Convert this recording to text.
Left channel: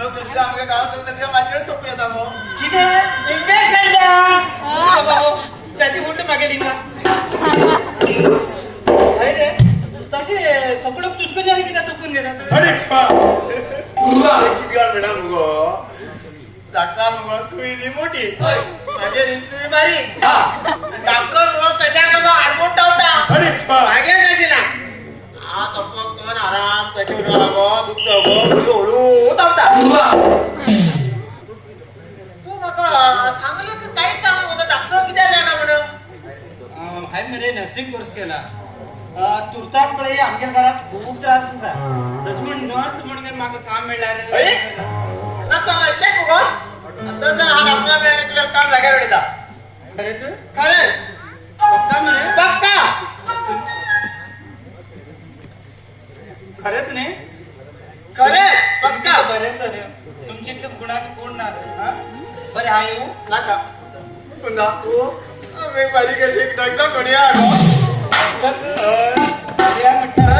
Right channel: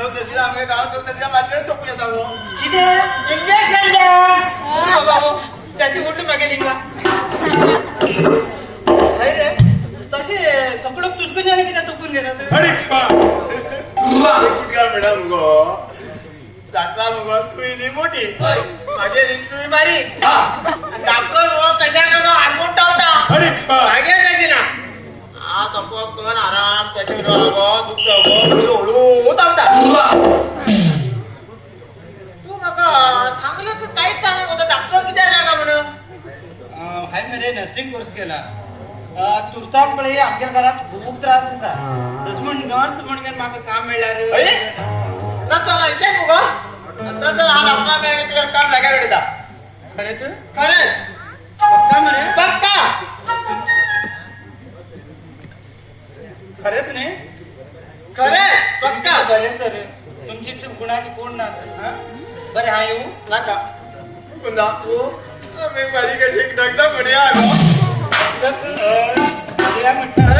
सध्या आमच्या गावात सध्या माझ्याकडे तोप येतात हो किती इंजेक्शन बाबा हो त्याची उठ मागेली का रे तसे सगळं तुझकं झाले की त्या तोपून घेतात अरे किती ग्राम मिळाल गो डाक्टर मुग सुई मोठी माझे सुई बारीक डॉक्टर मुग कशा गो आडमोठा होता मागे कशी ना हा तप कोण आराम तशी दुखत हळू धावता तू बघा सांगलं की काहीच चांगलं होतं डॉक्टर किती जागा म्हणून हाय मेरे नर्सिंग कोर्स केला तुरतापळे आमच्या घरात खूप त्रास असा तस म्हण नर्स म्हणून माका काम मिळालं तसं माहितीये मुग तसं हा डॉक्टर मिळाले तुला काम लागायला वेळेचा खरे तू खरंच पक्का म्हणे पक्का खरेच नाही खरे पक्का बरे सर तुमची इथली गुणाची कोण ना हा? बरे हा येऊ नका कुंदा मी माझी कशी एक दगदा कोणी आलो या म्हटलं